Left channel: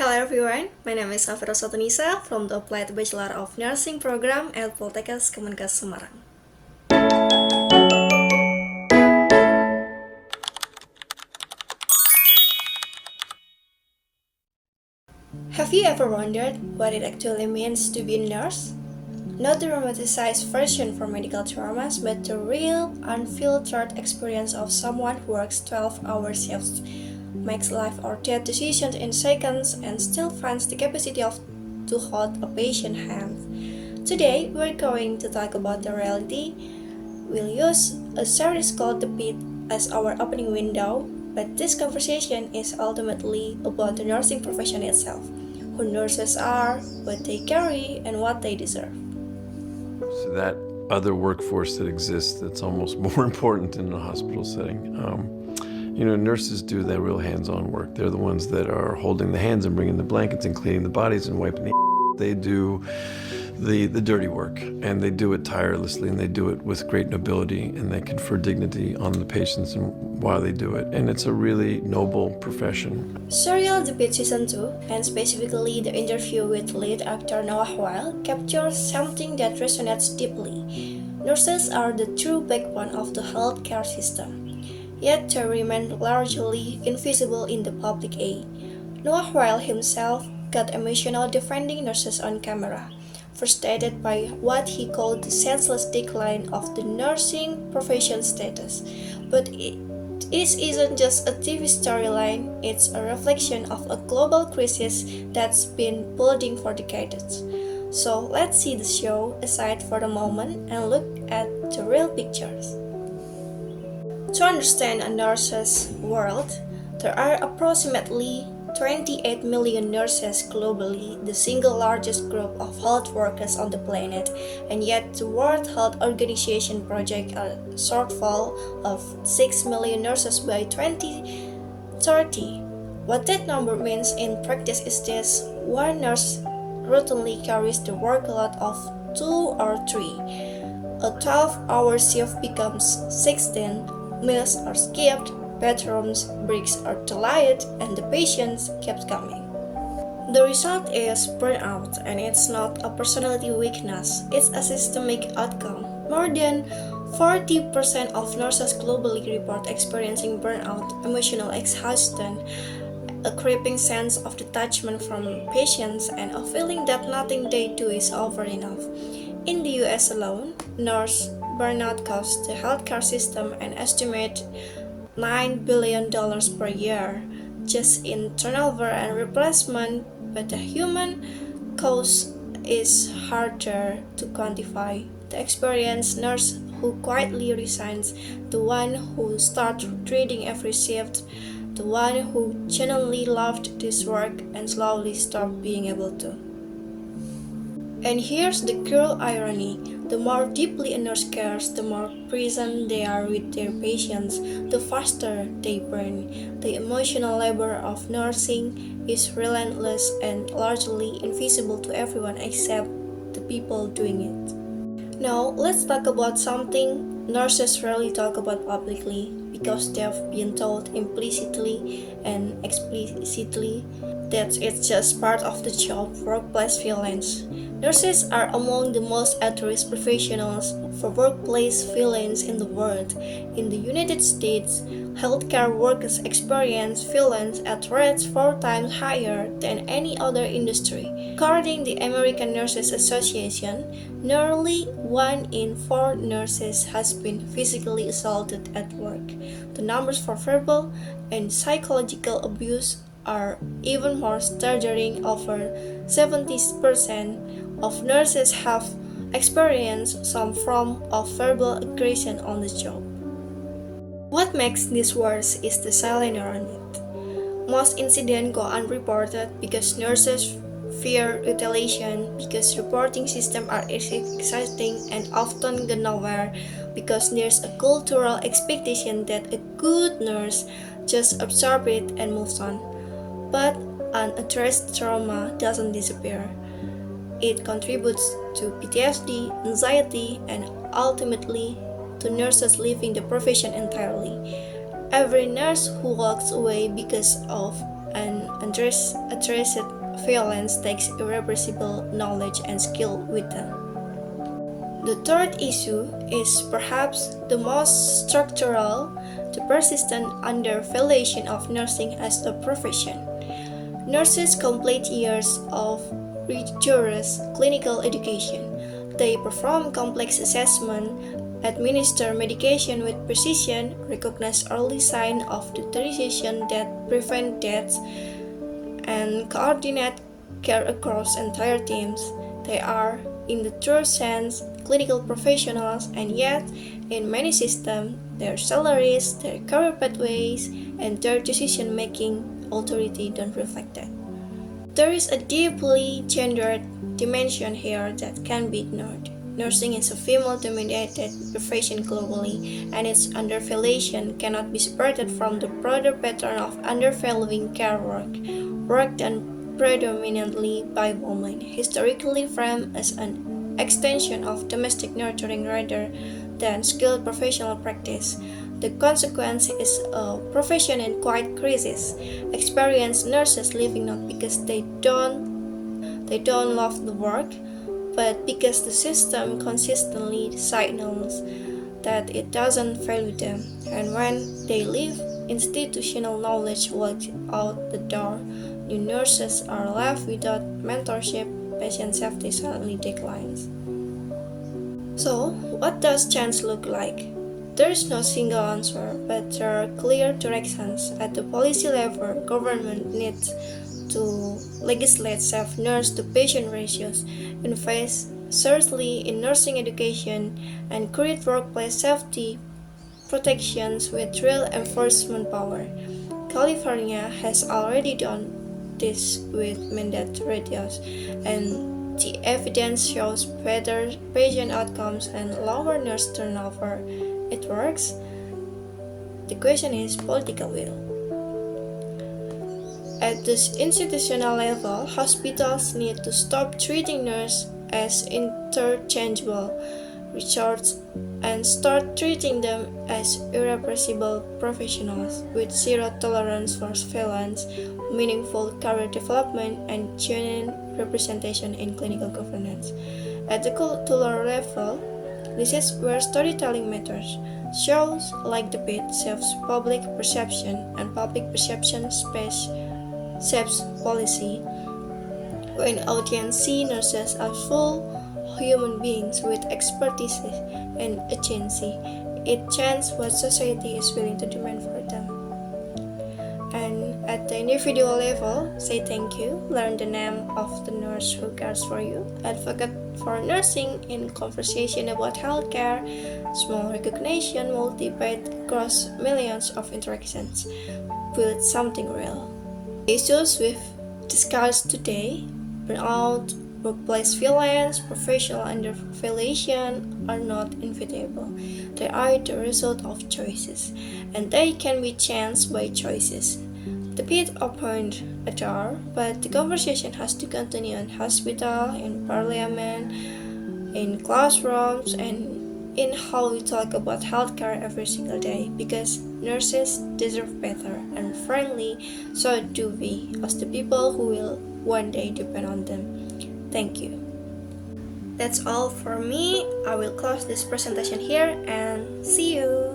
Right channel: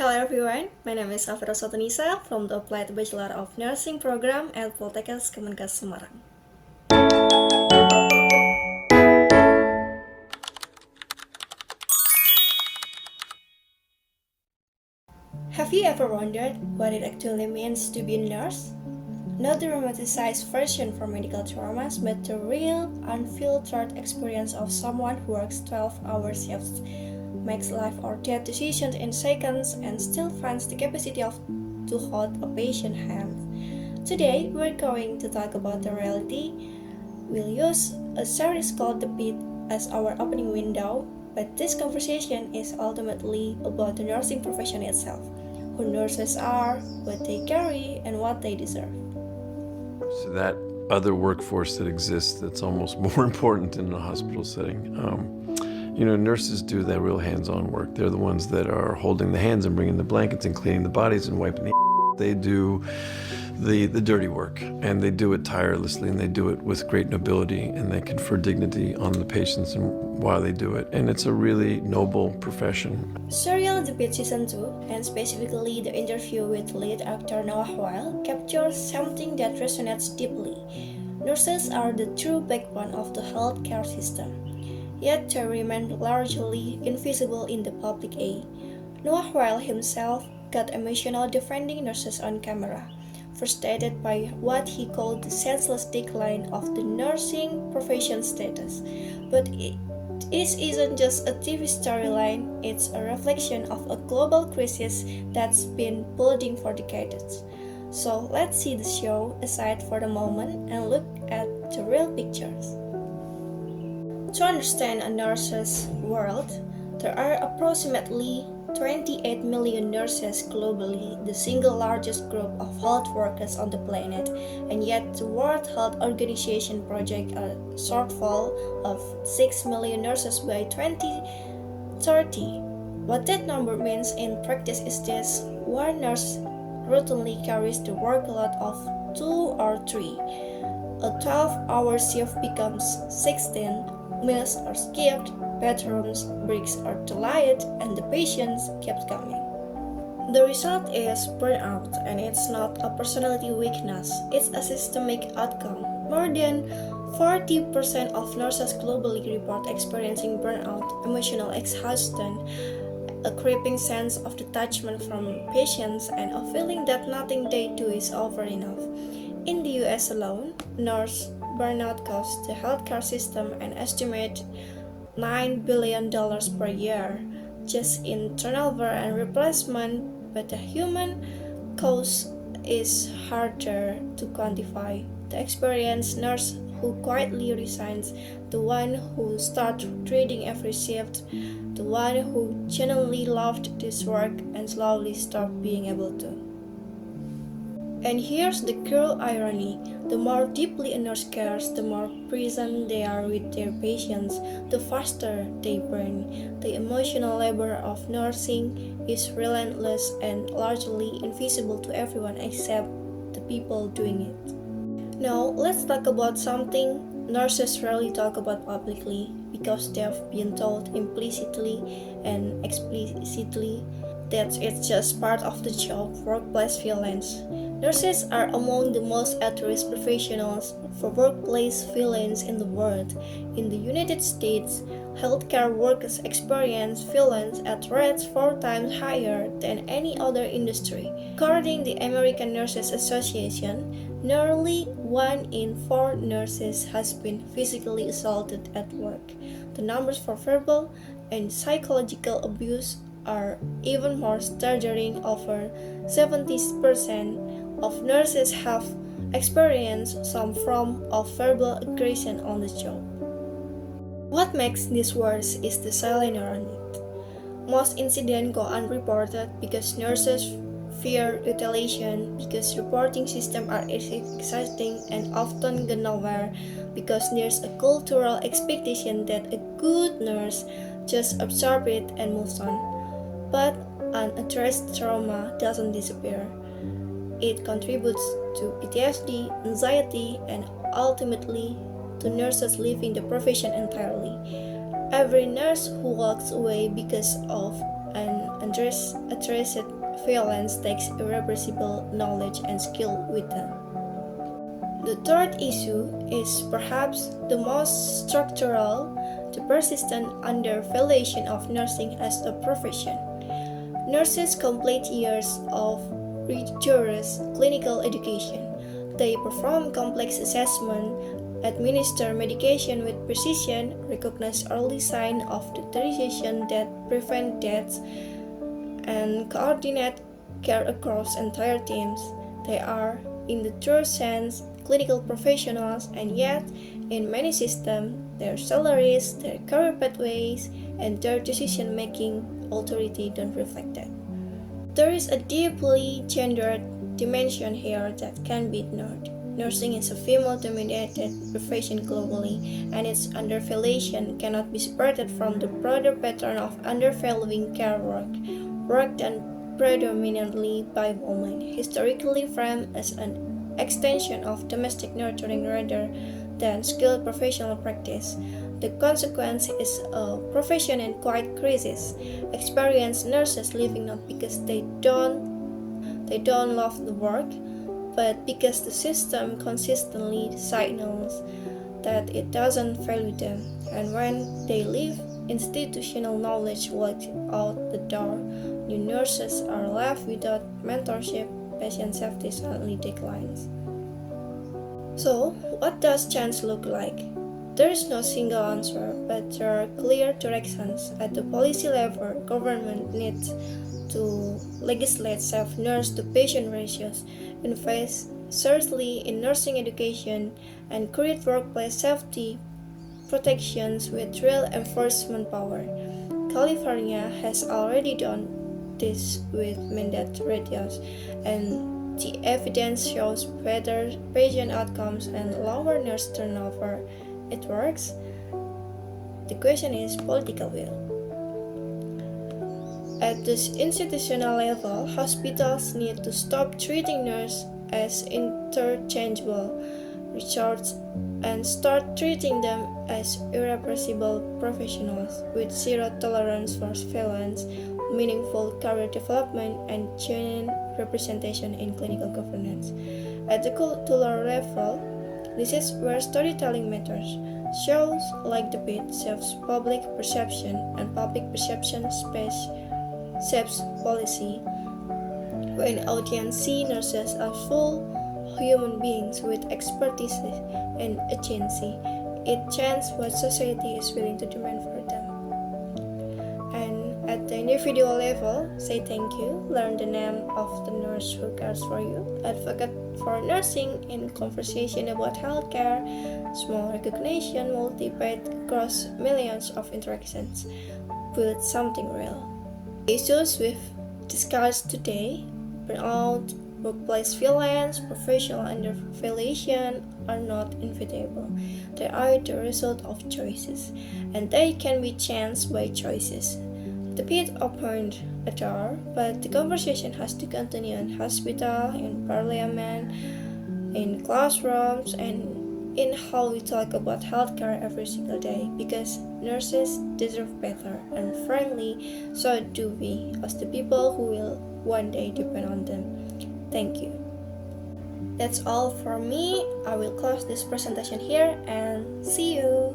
Hello everyone, my name is Safira Uswatun Nisa from the Applied Bachelor of Nursing Program at Poltekkes Kemenkes Semarang. Have you ever wondered what it actually means to be a nurse? Not the romanticized version for medical traumas, but the real, unfiltered experience of someone who works 12-hour shifts, makes life or death decisions in seconds, and still finds the capacity to hold a patient hand. Today, we're going to talk about the reality. We'll use a series called The Pitt as our opening window, but this conversation is ultimately about the nursing profession itself, who nurses are, what they carry, and what they deserve. So that other workforce that exists that's almost more important in a hospital setting. Nurses do that real hands-on work. They're the ones that are holding the hands and bringing the blankets and cleaning the bodies and wiping the They do the dirty work, and they do it tirelessly, and they do it with great nobility, and they confer dignity on the patients and while they do it. And it's a really noble profession. Serial The Pitt Season 2, and specifically the interview with lead actor Noah Weil, captures something that resonates deeply. Nurses are the true backbone of the healthcare system, yet they remain largely invisible in the public eye. Noah Weil himself got emotional defending nurses on camera, frustrated by what he called the senseless decline of the nursing profession status. But it isn't just a TV storyline, it's a reflection of a global crisis that's been building for decades. So let's see the show aside for the moment and look at the real pictures. To understand a nurse's world, there are approximately 28 million nurses globally, the single largest group of health workers on the planet, and yet the World Health Organization projects a shortfall of 6 million nurses by 2030. What that number means in practice is this: one nurse routinely carries the workload of 2 or 3. A 12-hour shift becomes 16, meals are skipped, bathrooms breaks are delayed, and the patients kept coming. The result is burnout, and it's not a personality weakness, it's a systemic outcome. More than 40% of nurses globally report experiencing burnout, emotional exhaustion, a creeping sense of detachment from patients, and a feeling that nothing they do is over enough. In the US alone, nurse burnout costs the healthcare system an estimated $9 billion per year just in turnover and replacement, but the human cost is harder to quantify. The experienced nurse who quietly resigns, the one who starts treating every shift, the one who genuinely loved this work and slowly stopped being able to. And here's the cruel irony. The more deeply a nurse cares, the more present they are with their patients, the faster they burn. The emotional labor of nursing is relentless and largely invisible to everyone except the people doing it. Now, let's talk about something nurses rarely talk about publicly because they've been told implicitly and explicitly that it's just part of the job: workplace violence. Nurses are among the most at-risk professionals for workplace violence in the world. In the United States, healthcare workers experience violence at rates 4 times higher than any other industry. According to the American Nurses Association, nearly 1 in 4 nurses has been physically assaulted at work. The numbers for verbal and psychological abuse are even more staggering. Over 70% of nurses have experienced some form of verbal aggression on the job. What makes this worse is the silence around it. Most incidents go unreported because nurses fear retaliation, because reporting systems are exciting and often go nowhere, because there's a cultural expectation that a good nurse just absorbs it and moves on. But unaddressed trauma doesn't disappear. It contributes to PTSD, anxiety, and ultimately to nurses leaving the profession entirely. Every nurse who walks away because of an Addressed violence takes irrepressible knowledge and skill with them. The third issue is perhaps the most structural, the persistent undervaluation of nursing as a profession. Nurses complete years of rigorous clinical education. They perform complex assessment, administer medication with precision, recognize early signs of deterioration that prevent deaths, and coordinate care across entire teams. They are, in the true sense, clinical professionals, and yet, in many systems, their salaries, their career pathways, and their decision-making authority don't reflect that. There is a deeply gendered dimension here that can't be ignored. Nursing is a female-dominated profession globally, and its undervaluation cannot be separated from the broader pattern of undervaluing care work done predominantly by women, historically framed as an extension of domestic nurturing rather than skilled professional practice. The consequence is a profession in quiet crisis. Experienced nurses leaving not because they don't love the work, but because the system consistently signals that it doesn't value them. And when they leave, institutional knowledge walks out the door. New nurses are left without mentorship. Patient safety suddenly declines. So, what does change look like? There is no single answer, but there are clear directions. At the policy level, government needs to legislate safe nurse-to-patient ratios, invest seriously in nursing education, and create workplace safety protections with real enforcement power. California has already done this with mandate radios, and the evidence shows better patient outcomes and lower nurse turnover. It works. The question is political will. At the institutional level, hospitals need to stop treating nurses as interchangeable resources and start treating them as irrepressible professionals with zero tolerance for violence, meaningful career development, and genuine representation in clinical governance. At the cultural level, this is where storytelling matters. Shows like the Pitt shapes public perception, and public perception shapes policy. When audience see nurses as full human beings with expertise and agency, it changes what society is willing to demand for them. And at the individual level, say thank you, learn the name of the nurse who cares for you, advocate for nursing in conversation about healthcare, small recognition multiplied across millions of interactions, build something real. Issues we've discussed today, burnout, workplace violence, professional undervaluation, are not inevitable. They are the result of choices, and they can be changed by choices. The Pitt opened a door, but the conversation has to continue in hospital, in parliament, in classrooms, and in how we talk about healthcare every single day, because nurses deserve better, and frankly, so do we, as the people who will one day depend on them. Thank you. That's all for me. I will close this presentation here and see you.